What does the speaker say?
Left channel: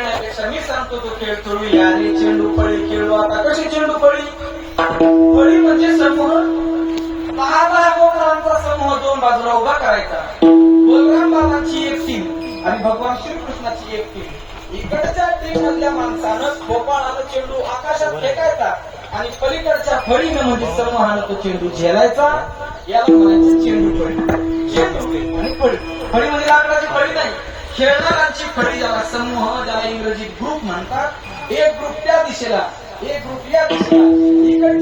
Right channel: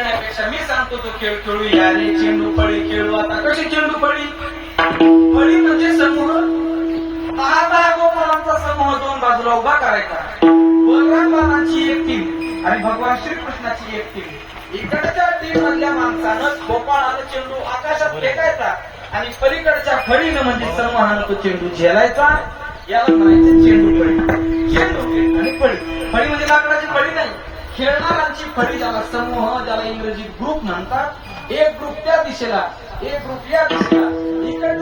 खेळण्यापेक्षा मी सांगतो तो खेळ खेळूया. आणि चेंडू फळी खेळू. आता कशी चेंडू फळी? फळी म्हणजे समूह. 10 गोकुळांचा समूह 2 बाजूला उभा करायचा. बलराम बाबांची एक टीम आणि भगवान श्रीकृष्णाची एक टीम. इकडच्या टीम मधल्या माणसानं गोपाळाला चेंडू आकाशात फेकायचा आणि पलीकडच्या फळीनं म्हणजे समूहानं तो चेंडू झेलायचा. याला म्हणायचे चेंडू फळी. चेंडू आणि फळी. फळी म्हणजे लाकडाची फळी नाही, खेळणाऱ्यांची फळी, ज्याला समूह, ज्याला इंग्रजी ग्रुप म्हणतात. एक ग्रुप त्या दिशेला, एक ग्रुप या दिशेला.